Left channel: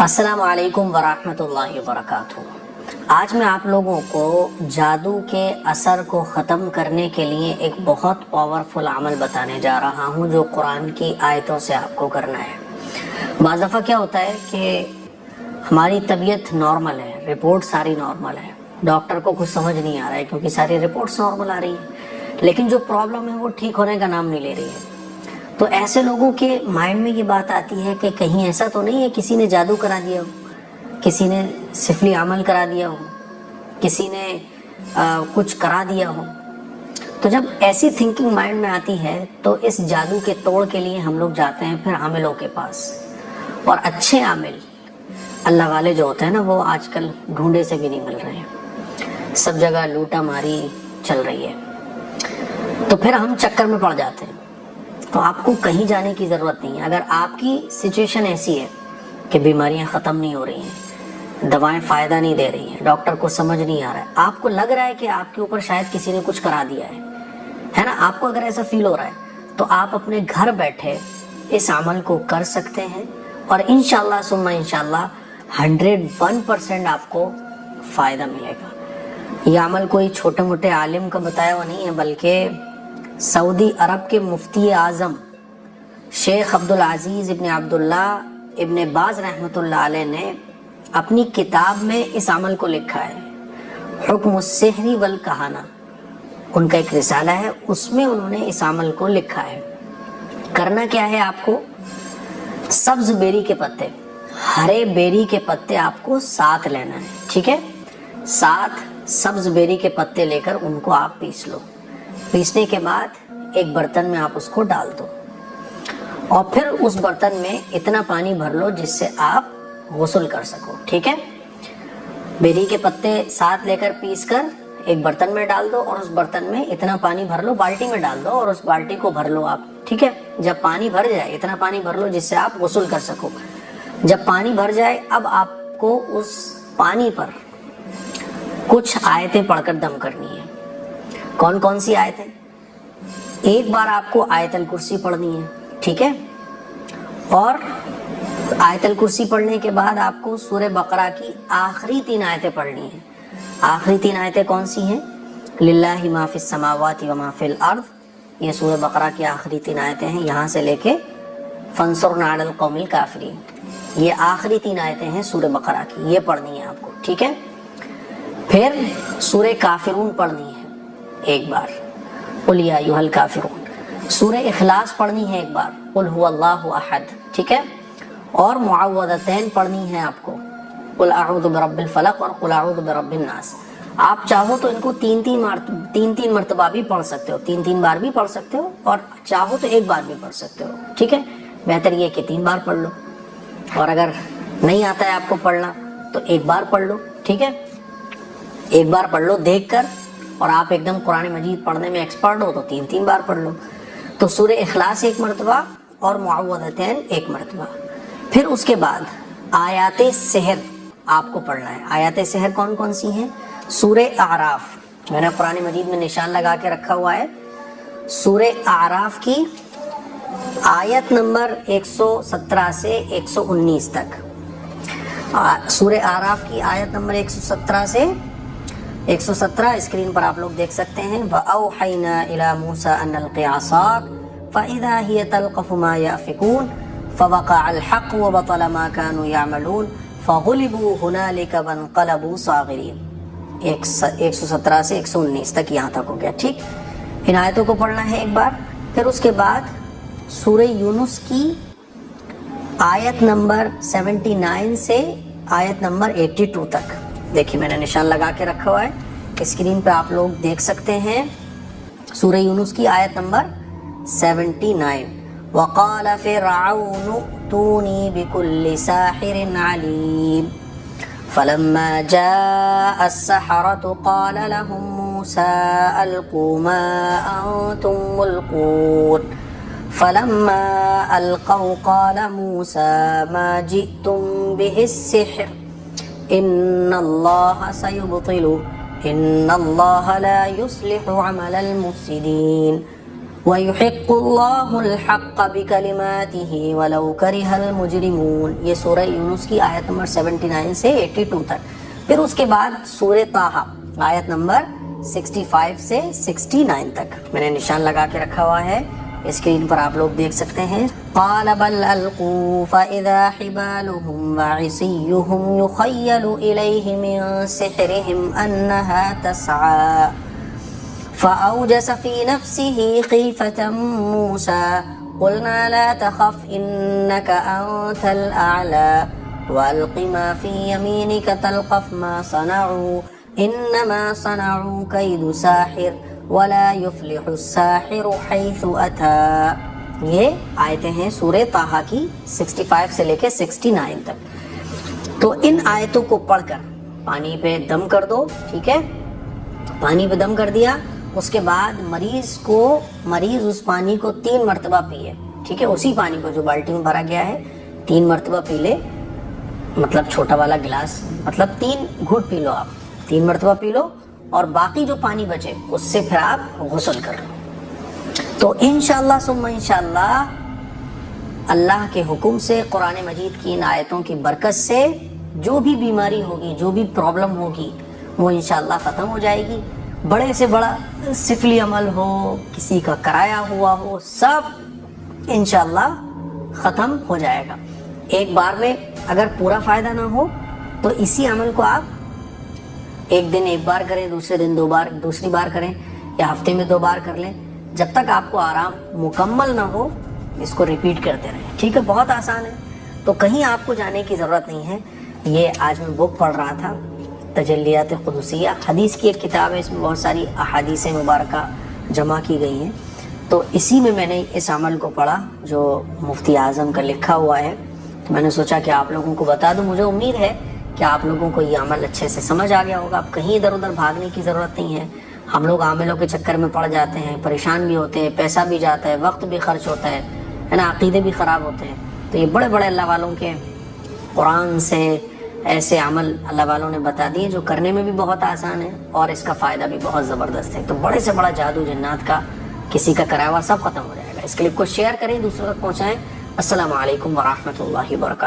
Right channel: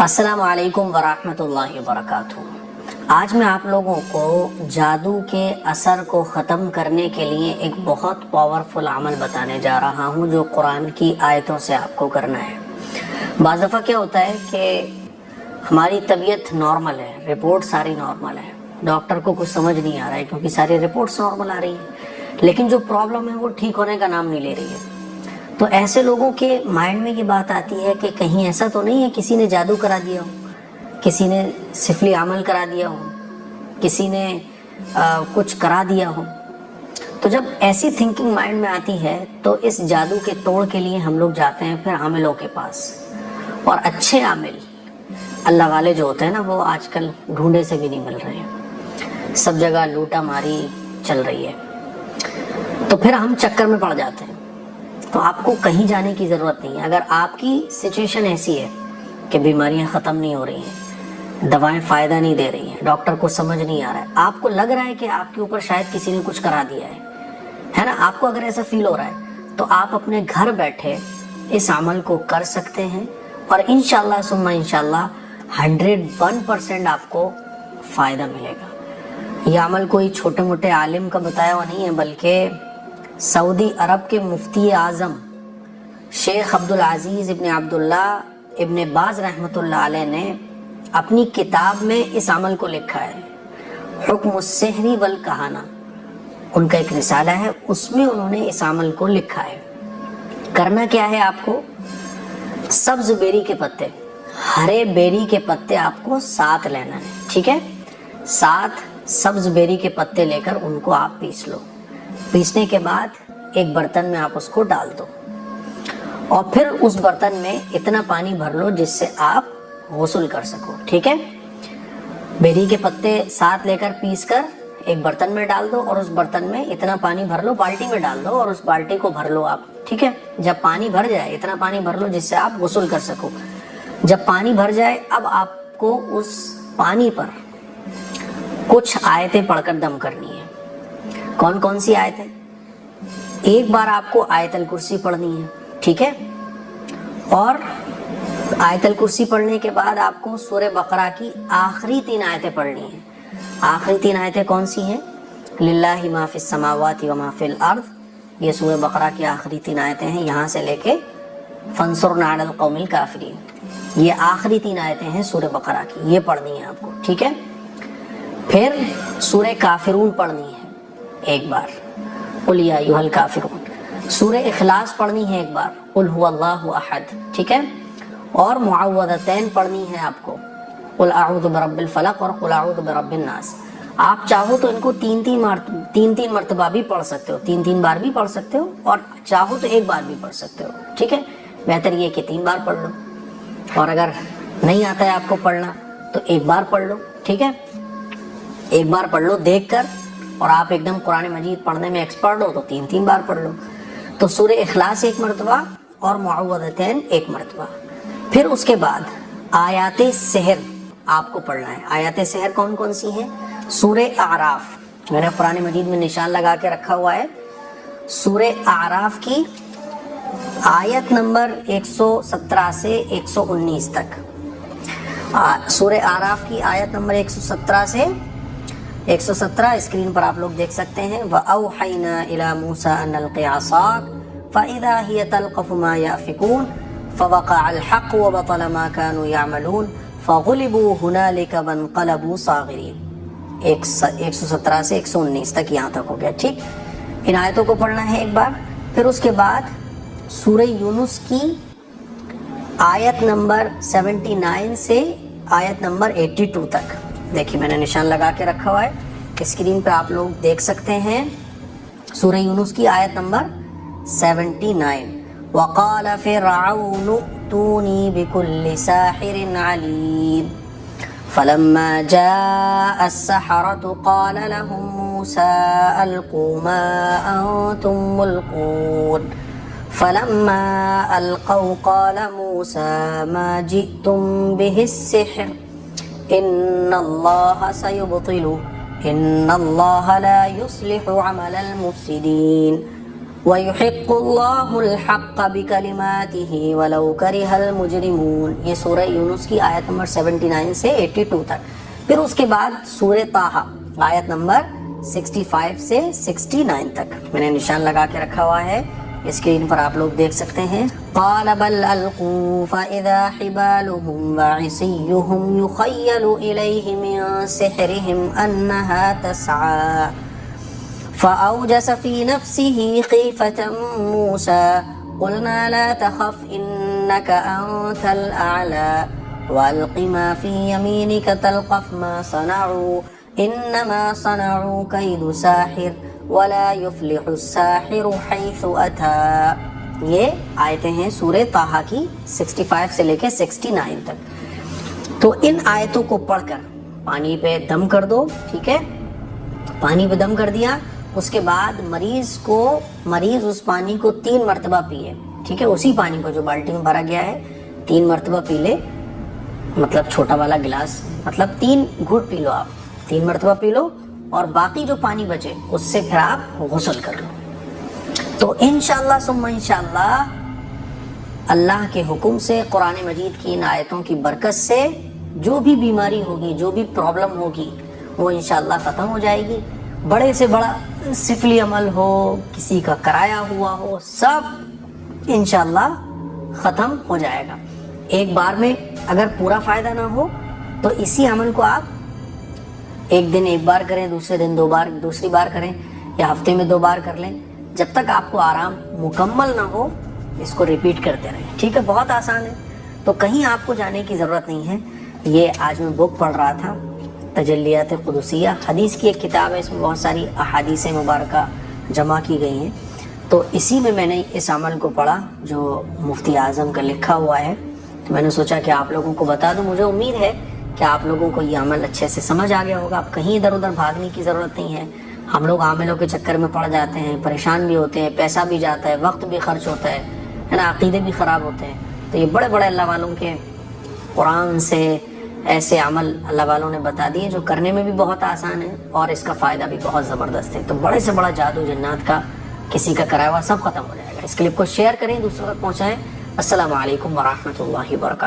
السلام علیکم ورحمۃ اللہ وبرکاتہ۔ آج میں آپ لوگوں کو جادو کے اثر کو ختم کرنے کے لیے ایک بہت پاورفل عمل بتانے جا رہا ہوں جو قرآن کی آیتوں سے آپ کو کرنا ہے۔ بعض دفعہ کیا ہوتا ہے کہ ہماری طبیعت نارمل ہے، رپورٹ ساری نارمل ہے، ڈاکٹر کو کچھ سمجھ نہیں آ رہا ہے کیونکہ ساری رپورٹس نارمل آ رہی ہیں، لیکن جو پرابلم ہے وہ ٹھیک ہونے کا نام نہیں لے رہی ہے۔ تو ایسے لوگوں کے مائنڈ میں یہ بات آتی ہے کہ کہیں ایسا تو نہیں ہے کسی نے جادو کرا دیا ہو، کسی نے سفلی عمل کرا دیا ہو، کسی نے کچھ کرا دیا ہو۔ تو جب ایسی تھنکنگ مائنڈ میں آتی ہے تو اس جادو کے توڑ کے لیے ہم لوگ جاتے ہیں پھر عاملوں کے پاس، اور اچھے عامل اللہ والے جو ہوتے ہیں نا وہ آج کل ڈھونڈے سے بھی نہیں مل رہے ہیں، سب جگہ لوٹا ماری چل رہی ہے، تو پھر ہم چکر میں پڑ جاتے ہیں۔ تو آپ کو کہیں جانے کی ضرورت نہیں ہے۔ اگر آپ کی سچویشن ایسی ہے کہ بیماریاں ختم نہیں ہو رہی ہیں، دوائیں فائدہ نہیں دے رہی ہیں، ڈاکٹر کو سمجھ نہیں آ رہا ہے، آپ کو لگ رہا ہے کہ آپ کے اوپر شاید کسی نے کچھ کرا دیا ہے نا، آپ کو اگر ایسا فیل ہو رہا ہے تو آپ اپنے گھر بیٹھے اس عمل کو کر سکتے ہیں، اور انشاءاللہ ثم انشاءاللہ 101% آپ کو فائدہ ملے گا۔ یہ عمل کوئی چھوٹے موٹے عالم کا بتایا ہوا نہیں ہے، بلکہ سعودی عرب کے مفتی اعظم شیخ عبدالعزیز ابن عبداللہ ابن باز رحمۃ اللہ علیہ نے اپنی کتاب میں اس عمل کو لکھا ہے، حکم السحر والکہانہ، ان کا ایک رسالہ ہے، اس میں انہوں نے اس عمل کو لکھا ہے۔ کرنا کیا ہے آپ کو؟ سبز بیری کے پتے، ہرے بیری کے پتے آپ کو 7 لینا ہے، ٹھیک ہے؟ 7 سبز بیری کے پتے لے کر ان کو آپ پیس لو۔ پیسنے کے بعد ایک برتن میں آپ اس کو ڈال دو، اور پھر اس برتن میں اتنا پانی بھر لو جس سے آپ غسل کر سکو، ٹھیک ہے؟ بیری کے پتے 7 لے کر پیس کر ایک برتن میں ڈال دو، اور اس برتن میں اتنا پانی بھر لو، بالٹی میں ڈال دو اور اس بالٹی کو بھر لو آپ، ٹھیک ہے؟ جب پانی بھر جائے اتنا پانی بھر لو جس سے آپ غسل کر سکو۔ جب پانی بھر جائے اب آپ کو اس پانی پر کچھ آیتیں پڑھ کر دم کرنی ہے۔ کون کون سی آیتیں؟ ایک بار آپ کو آیت الکرسی پڑھنی ہے، ٹھیک ہے؟ اور آیت الکرسی پڑھنے کے بعد آپ کو سورہ بقرہ کی آخری 3 آیتیں پڑھنی ہیں۔ آخری 3 آیتیں کون سی ہیں؟ للہ ما فی السماوات و ما فی الارض، یہ سورہ بقرہ کی آخری 3 آیتیں ہیں، یہاں سے لے کے فانصرنا علی القوم الکافرین، یہ آخری 3 آیتیں ہیں سورہ بقرہ کی، یہ پڑھنی ہے آپ کو، ٹھیک ہے؟ پھر سورہ کافرون پڑھنی ہے ایک بار، قل یا ایھا الکافرون۔ سورہ اخلاص پڑھنی ہے ایک بار، قل ھو اللہ احد، ٹھیک ہے؟ اور معوذتین پڑھنی ہے آپ کو، قل اعوذ برب الفلق اور قل اعوذ برب الناس۔ آپ چاہو تو ان کو 3 مرتبہ بھی پڑھ سکتے ہو، 3 بار بھی پڑھ سکتے ہو، اور چاہو تو ایک بار بھی پڑھ سکتے ہو، ٹھیک ہے؟ بہتر یہ کہ 3 بار پڑھ لو، اور اگر نہیں آتا ہے آپ کو پڑھنا تو ایک بار پڑھ لو، ٹھیک ہے؟ ایک بار پڑھ لو دیکھ کر، اور آپ ایک دم قرآن مجید پڑھنے میں ایکسپرٹ ہو تو 3 بار پڑھ لو۔ تو سورہ اخلاص 1 مرتبہ اور معوذتین 1 مرتبہ۔ پھر اس کے بعد آیات سحر آپ کو پڑھنا ہے۔ آیات سحر کون کون سی ہیں؟ سورہ اعراف، میں نے قرآن مجید میں نشان لگا کے رکھا ہوا ہے، سورہ اعراف کی آیت نمبر 117 سے 119 تک، سورہ اعراف کی آیت نمبر 117 سے 117 اسکرین پر آپ لوگ دیکھ سکتے ہیں۔ وَأَوْحَيْنَا إِلَى مُوسَىٰ أَنْ أَلْقِ عَصَاكَ فَإِذَا هِيَ تَلْقَفُ مَا يَأْفِكُونَ فَوَقَعَ الْحَقُّ وَبَطَلَ مَا كَانُوا يَعْمَلُونَ فَغُلِبُوا هُنَالِكَ وَانقَلَبُوا صَاغِرِينَ۔ 117 سے 119 تک یہاں تک ہو گیا، ٹھیک؟ ان آیتوں کو پڑھنا ہے ایک بار۔ پھر اس کے بعد سورہ یونس کی آیت نمبر 79 سے آیت نمبر 82 تک، دیکھیے میں نے نشان لگا کے رکھا ہوا ہے، اسکرین پہ آپ لوگ دیکھ سکتے ہیں۔ سورہ یونس کی آیت نمبر 79۔ وَقَالَ فِرْعَوْنُ ائْتُونِي بِكُلِّ سَاحِرٍ عَلِيمٍ فَلَمَّا جَاءَ السَّحَرَةُ قَالَ لَهُم مُوسَىٰ أَلْقُوا مَا أَنتُم مُّلْقُونَ فَلَمَّا أَلْقَوْا قَالَ مُوسَىٰ مَا جِئْتُم بِهِ السِّحْرُ إِنَّ اللَّهَ سَيُبْطِلُهُ إِنَّ اللَّهَ لَا يُصْلِحُ عَمَلَ الْمُفْسِدِينَ۔ وَيُحِقُّ اللَّهُ الْحَقَّ بِكَلِمَاتِهِ وَلَوْ كَرِهَ الْمُجْرِمُونَ۔ یہ سورہ یونس کی آیت نمبر 79 سے 82 تک۔ پھر اس کے بعد سورہ طٰہٰ آیت نمبر 65 سے 69 تک میں نے نشان لگا کے رکھا ہوا ہے، اسکرین پر آپ لوگ دیکھ سکتے ہیں۔ قال بل القوا فاذا حبالهم وعصيهم يخيل اليه من سحرهم انها تسعى فاوجس في نفسه خيفة موسى قلنا لا تخف انك انت الاعلى والق ما في يمينك تلقف ما صنعوا انما صنعوا كيد ساحر ولا يفلح الساحر حيث اتى۔ یہ آیتیں ہیں سورہ طٰہٰ کی 65 سے لے کے 69 تک۔ تو ان آیتوں کو پڑھ کر پانی پہ دم کر دو، ٹھیک ہے؟ پانی پہ دم کر دیا، اس کے بعد مریض اس پانی کو 3 مرتبہ پیے، ٹھیک ہے؟ اسی پانی کو جو بالٹی میں بھرا گیا ہے 3 مرتبہ پی لے، مطلب چھوٹا والا گلاس، مطلب 3 گھٹ پی لو، آپ 3 مرتبہ پی لو، اور باقی جو پانی بچے اس سے پھر آپ غسل کر لو۔ تو انشاءاللہ ثم انشاءاللہ اللہ کے حکم سے قرآن مجید کی ان آیتوں کی برکت سے جو بھی بیماری ہوگی، جو بھی پرابلم ہوگی، وہ انشاءاللہ ختم ہو جائے گی۔ بڑے سے بڑا سفلی عمل ہو، کسی کا کرایا ہوا ہو، سب انشاءاللہ ختم ہو جائے گا ایک بار میں۔ اگر پورا فائدہ نہ ہو تو اسی عمل کو آپ ایک دن 1 بار کریں، دوسرے دن 2 بار، دوسری بار کریں، یا ہفتے میں 2 بار کر لیں، جب تک آپ کو آرام مکمل نہ ہو اس کو ریپیٹ کرتے رہیں، ٹھیک ہے؟ بہت آسان ہے، تو کہیں آپ کو جانے کی ضرورت نہیں ہے۔ یہ آج میں بک پڑھ رہا تھا، تجلیات قدسیہ، حدیث کی ایک کتاب ہے، اس میں بہت ساری احادیث مبارکہ جمع کی گئی ہیں، تو اسی میں میں نے اس عمل کو پڑھا جو مفتی اعظم کا لکھا ہوا ہے، تو میں نے سوچا کہ آپ لوگوں کو بتا دوں۔ مجھے امید ہے کہ آپ لوگوں کو یہ عمل اچھے سے سمجھ آ گیا ہوگا۔ اب کہیں ادھر ادھر بھاگنے کی ضرورت نہیں ہے۔ ہم لوگ عاملوں کے چکر میں پڑ جاتے ہیں، پریشان بھی ہوتے ہیں، پیسہ بھی جاتا ہے، وقت بھی خرچ ہوتا ہے نا، عقیدے بھی خراب ہوتے ہیں۔ تو یہ بڑے بڑے اللہ والوں کے قرآن سے ایسے عمل اللہ والوں نے بتا دیے جو کرنے میں بھی بہت آسان ہے اور اس کا فائدہ بھی بہت زبردست ہے۔ تو بڑے سے بڑا جادو جنات کا، کسی کا کرایا ہوا، سب ختم ہو جائے گا۔ اس کلپ کو شیئر کریں، دوسروں تک پہنچائیں۔ السلام علیکم ورحمۃ اللہ وبرکاتہ۔